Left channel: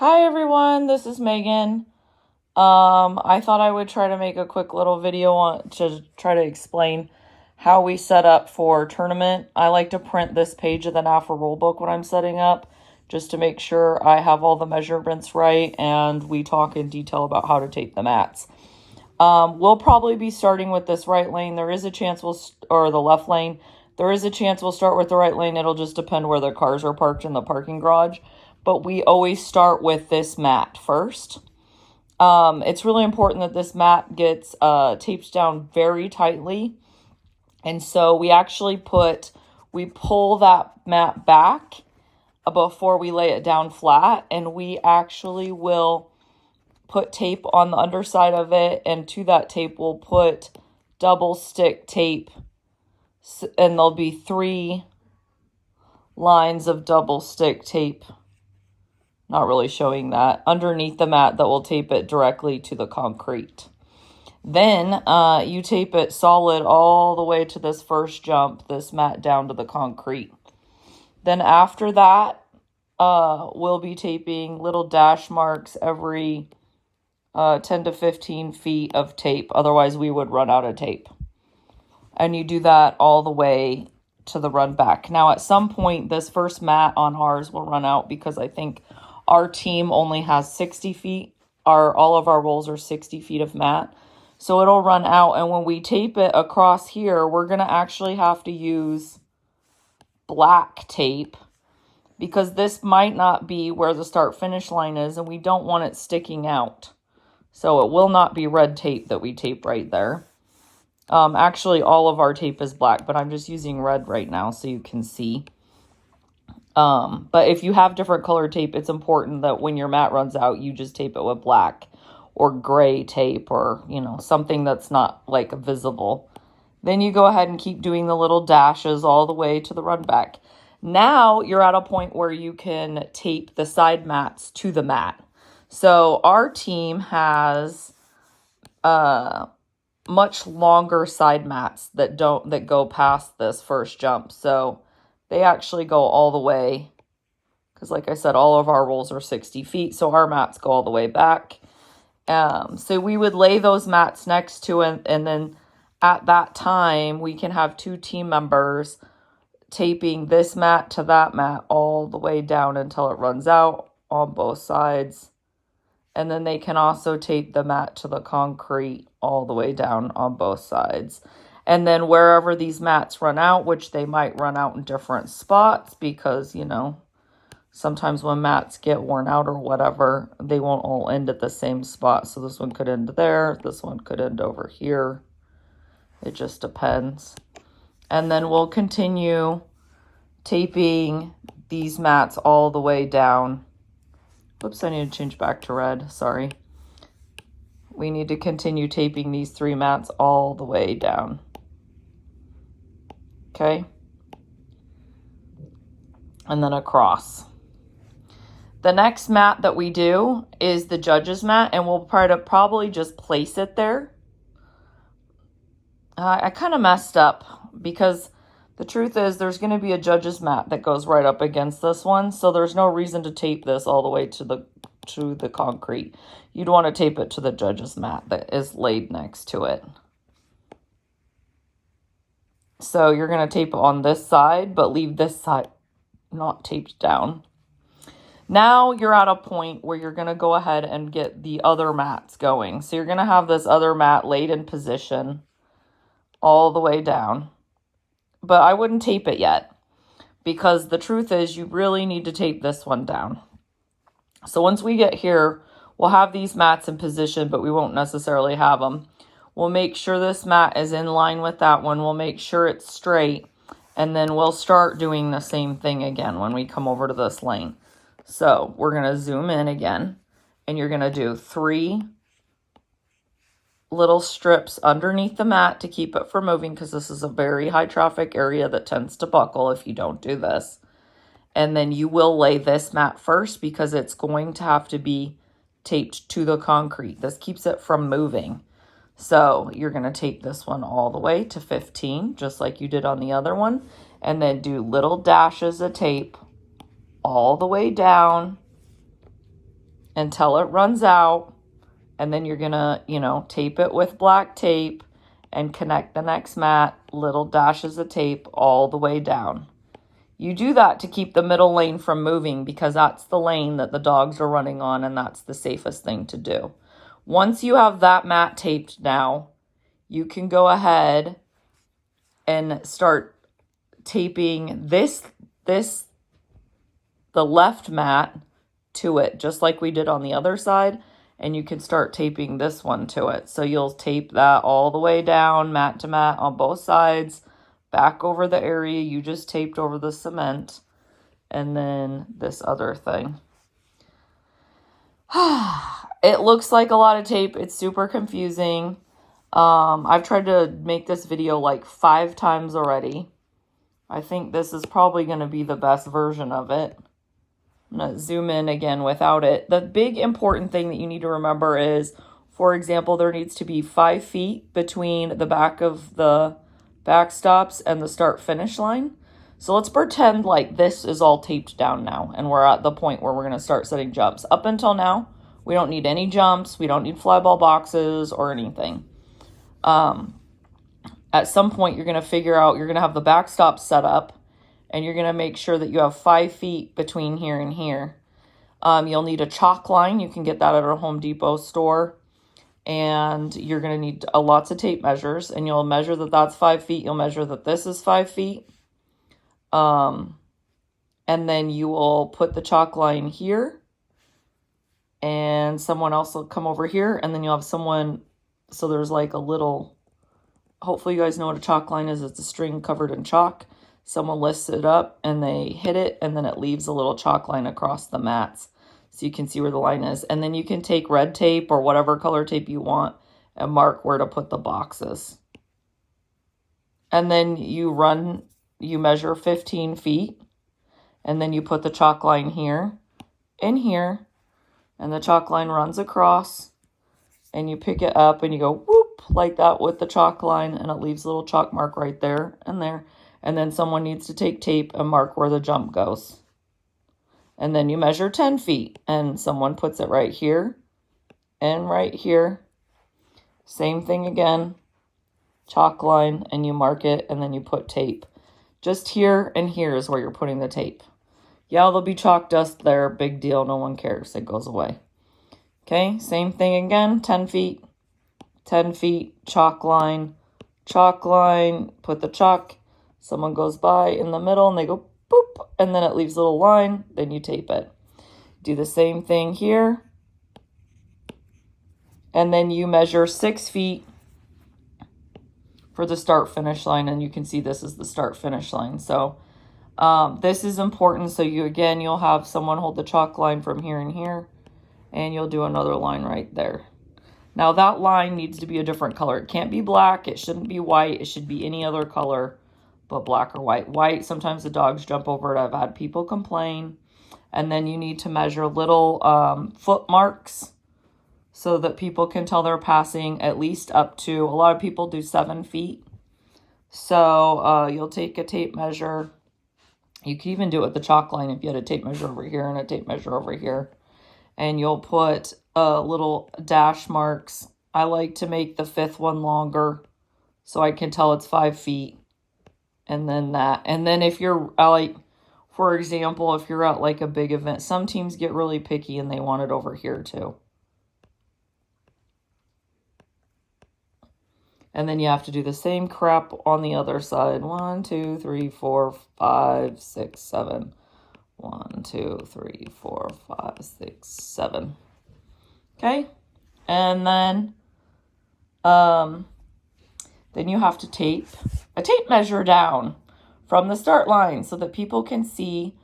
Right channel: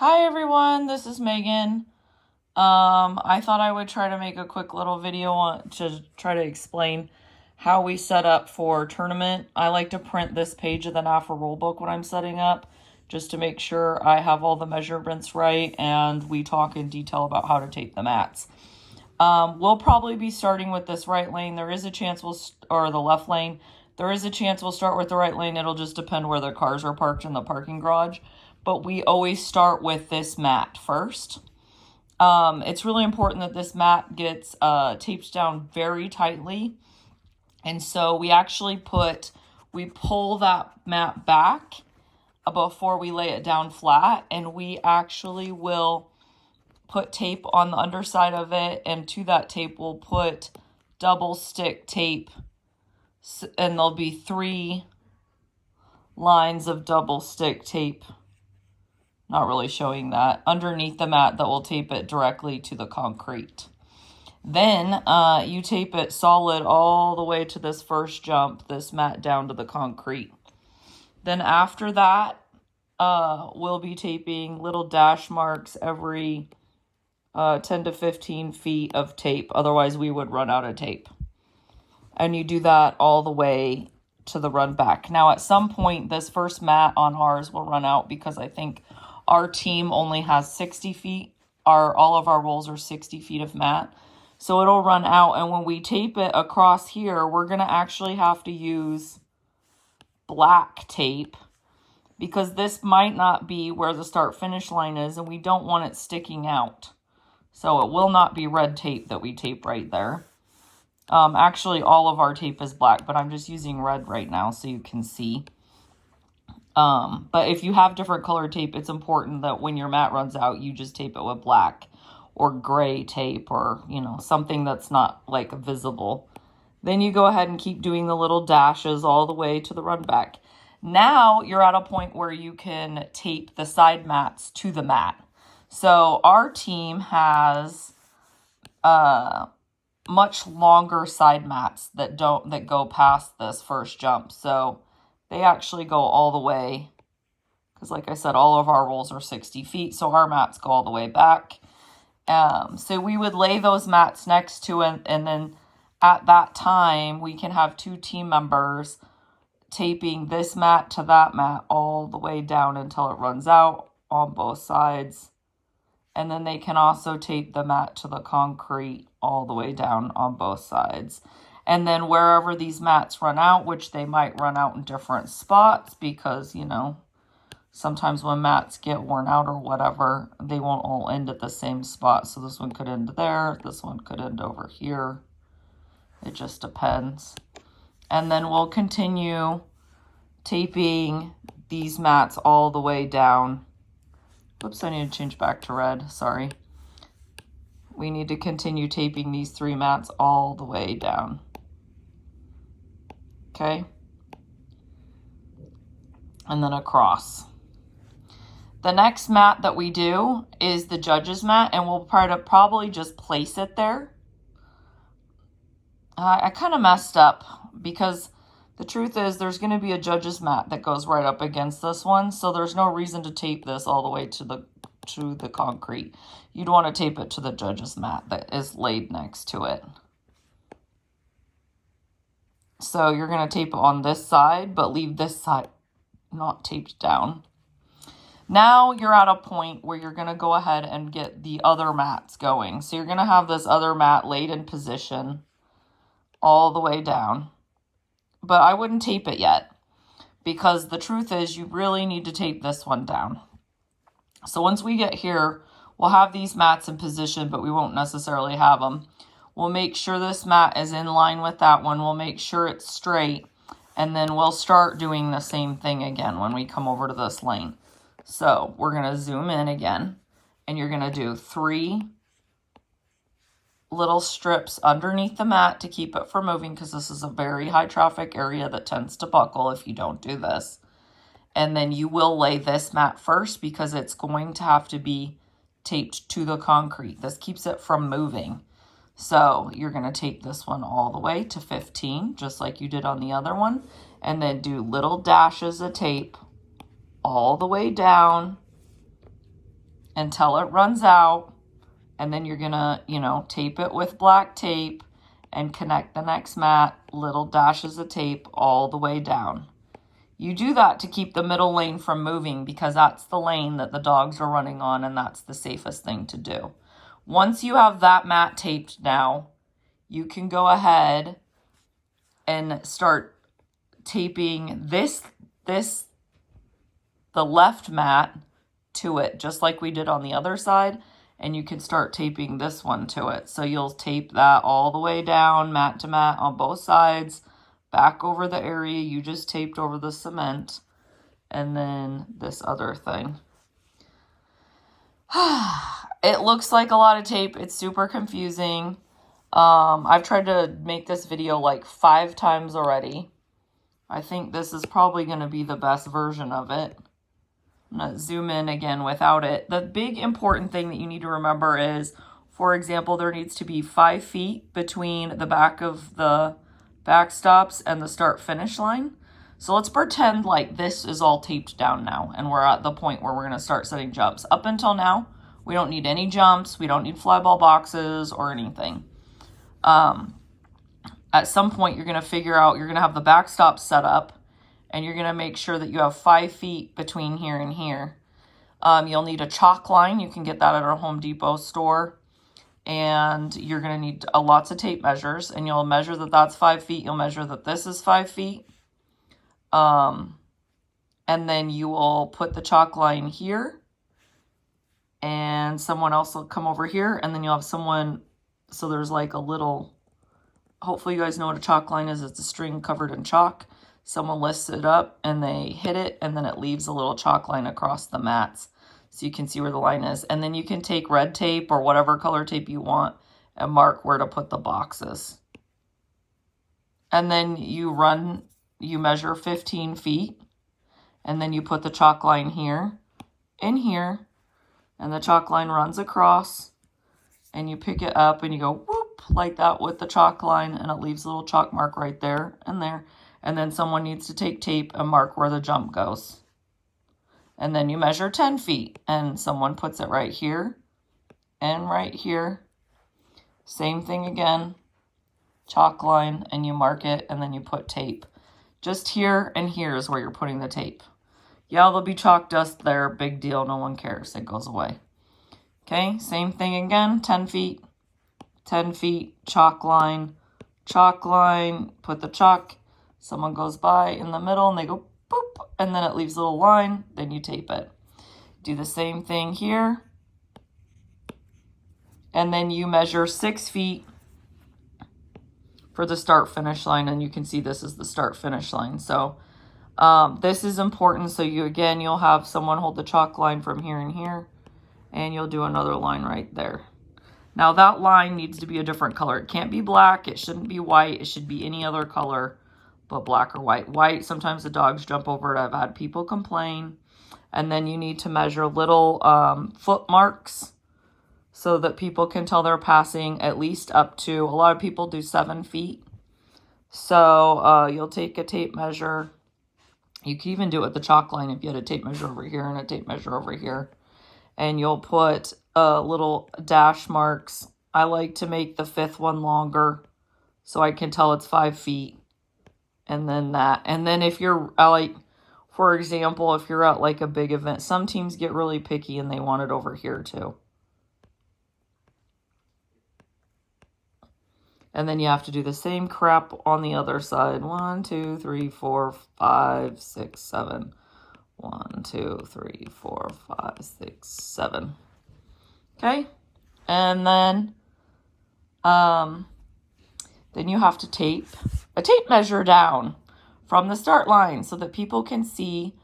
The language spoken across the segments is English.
Hi everyone, this is Megan. I thought I would try to make a quick little video to try to explain how we set up for tournament. I like to print this page of the NAFA rulebook when I'm setting up, just to make sure I have all the measurements right, and we talk in detail about how to tape the mats. We'll probably be starting with this right lane. There is a chance or the left lane. There is a chance we'll start with the right lane. It'll just depend where the cars are parked in the parking garage. But we always start with this mat first. It's really important that this mat gets taped down very tightly. And so we actually pull that mat back before we lay it down flat. And we actually will put tape on the underside of it. And to that tape, we'll put double stick tape. And there'll be 3 lines of double stick tape. Not really showing that, underneath the mat that will tape it directly to the concrete. Then you tape it solid all the way to this first jump, this mat down to the concrete. Then after that, we'll be taping little dash marks every 10 to 15 feet of tape. Otherwise, we would run out of tape. And you do that all the way to the run back. Now, at some point, this first mat on ours will run out because I think our team only has 60 feet. All of our rolls are 60 feet of mat. So it'll run out. And when we tape it across here, we're going to actually have to use black tape because this might not be where the start finish line is and we don't want it sticking out. So it will not be red tape that we tape right there. Actually, all of our tape is black, but I'm just using red right now so you can see. But if you have different color tape, it's important that when your mat runs out, you just tape it with black or gray tape or, something that's not like visible. Then you go ahead and keep doing the little dashes all the way to the run back. Now you're at a point where you can tape the side mats to the mat. So our team has, much longer side mats that go past this first jump. So they actually go all the way, because like I said, all of our rolls are 60 feet, so our mats go all the way back. So we would lay those mats next to it, and then at that time, we can have 2 team members taping this mat to that mat all the way down until it runs out on both sides. And then they can also tape the mat to the concrete all the way down on both sides. And then wherever these mats run out, which they might run out in different spots because, sometimes when mats get worn out or whatever, they won't all end at the same spot. So this one could end there. This one could end over here. It just depends. And then we'll continue taping these mats all the way down. Oops, I need to change back to red. Sorry. We need to continue taping these 3 mats all the way down. Okay. And then across. The next mat that we do is the judge's mat, and we'll probably just place it there. I kind of messed up because the truth is there's going to be a judge's mat that goes right up against this one. So there's no reason to tape this all the way to the concrete. You'd want to tape it to the judge's mat that is laid next to it. So you're going to tape it on this side, but leave this side not taped down. Now you're at a point where you're going to go ahead and get the other mats going. So you're going to have this other mat laid in position all the way down. But I wouldn't tape it yet because the truth is you really need to tape this one down. So once we get here, we'll have these mats in position, but we won't necessarily have them. We'll make sure this mat is in line with that one. We'll make sure it's straight. And then we'll start doing the same thing again when we come over to this lane. So we're going to zoom in again. And you're going to do 3 little strips underneath the mat to keep it from moving, because this is a very high traffic area that tends to buckle if you don't do this. And then you will lay this mat first because it's going to have to be taped to the concrete. This keeps it from moving. So you're going to tape this one all the way to 15, just like you did on the other one. And then do little dashes of tape all the way down until it runs out. And then you're gonna, you know, tape it with black tape and connect the next mat, little dashes of tape all the way down. You do that to keep the middle lane from moving because that's the lane that the dogs are running on, and that's the safest thing to do. Once you have that mat taped now, you can go ahead and start taping the left mat to it, just like we did on the other side. And you can start taping this one to it. So you'll tape that all the way down, mat to mat on both sides, back over the area you just taped over the cement, and then this other thing. It looks like a lot of tape. It's super confusing. I've tried to make this video like 5 times already. I think this is probably going to be the best version of it. I'm going to zoom in again without it. The big important thing that you need to remember is, for example, there needs to be 5 feet between the back of the backstops and the start finish line. So let's pretend like this is all taped down now and we're at the point where we're going to start setting jumps. Up until now, we don't need any jumps. We don't need flyball boxes or anything. At some point, you're going to figure out, you're going to have the backstop set up, and you're going to make sure that you have 5 feet between here and here. You'll need a chalk line. You can get that at a Home Depot store. And you're going to need lots of tape measures. And you'll measure that that's 5 feet. You'll measure that this is 5 feet. And then you will put the chalk line here. And someone else will come over here. And then you'll have someone, so there's like a little, hopefully you guys know what a chalk line is. It's a string covered in chalk. Someone lifts it up and they hit it, and then it leaves a little chalk line across the mats so you can see where the line is. And then you can take red tape or whatever color tape you want and mark where to put the boxes. And then you measure 15 feet, and then you put the chalk line here and here, and the chalk line runs across, and you pick it up and you go whoop like that with the chalk line, and it leaves a little chalk mark right there and there. And then someone needs to take tape and mark where the jump goes. And then you measure 10 feet, and someone puts it right here and right here. Same thing again, chalk line, and you mark it, and then you put tape. Just here and here is where you're putting the tape. Yeah, there'll be chalk dust there, big deal, no one cares, it goes away. Okay, same thing again, 10 feet, chalk line, put the chalk. Someone goes by in the middle and they go boop, and then it leaves a little line, then you tape it. Do the same thing here. And then you measure 6 feet for the start finish line, and you can see this is the start finish line. So this is important. So you'll have someone hold the chalk line from here and here, and you'll do another line right there. Now that line needs to be a different color. It can't be black, it shouldn't be white, it should be any other color but black or white. White, sometimes the dogs jump over it. I've had people complain. And then you need to measure little foot marks so that people can tell they're passing at least up to, a lot of people do 7 feet. So you'll take a tape measure. You can even do it with the chalk line if you had a tape measure over here and a tape measure over here. And you'll put little dash marks. I like to make the 5th one longer so I can tell it's 5 feet. And then that. And then if you're like, for example, if you're at like a big event, some teams get really picky and they want it over here too. And then you have to do the same crap on the other side. 1, 2, 3, 4, 5, 6, 7. 1, 2, 3, 4, 5, 6, 7. Okay. And then you have to tape a tape measure down from the start line so that people can see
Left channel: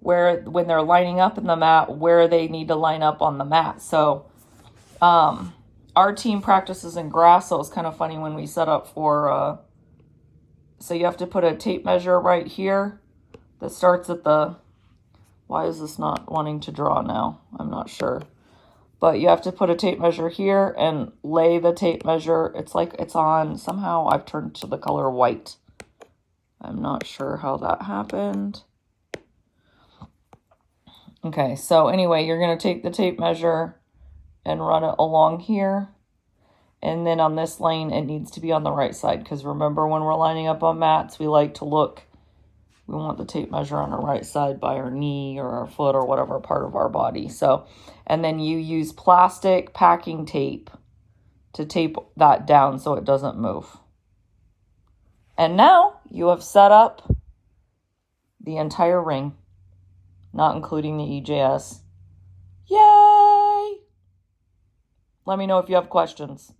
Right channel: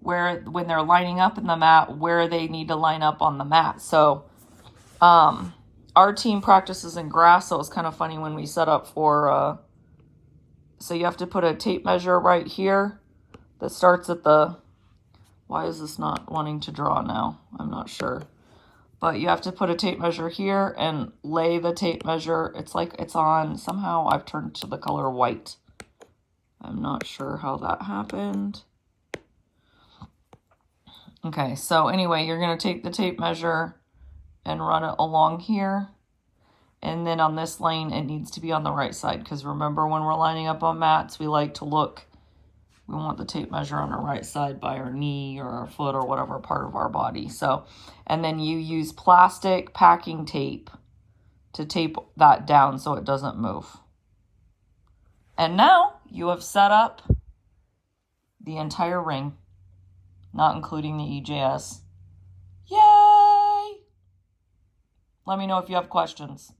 where, when they're lining up in the mat, where they need to line up on the mat. So our team practices in grass, so it's kind of funny when we set up for, so you have to put a tape measure right here that starts at the, why is this not wanting to draw now? I'm not sure. But you have to put a tape measure here and lay the tape measure. It's like it's on, somehow I've turned to the color white. I'm not sure how that happened. Okay, so anyway, you're going to take the tape measure and run it along here. And then on this lane, it needs to be on the right side. Because remember, when we're lining up on mats, we like to look, we want the tape measure on our right side by our knee or our foot or whatever part of our body. So, and then you use plastic packing tape to tape that down so it doesn't move. And now you have set up the entire ring, not including the EJS. Yay! Let me know if you have questions.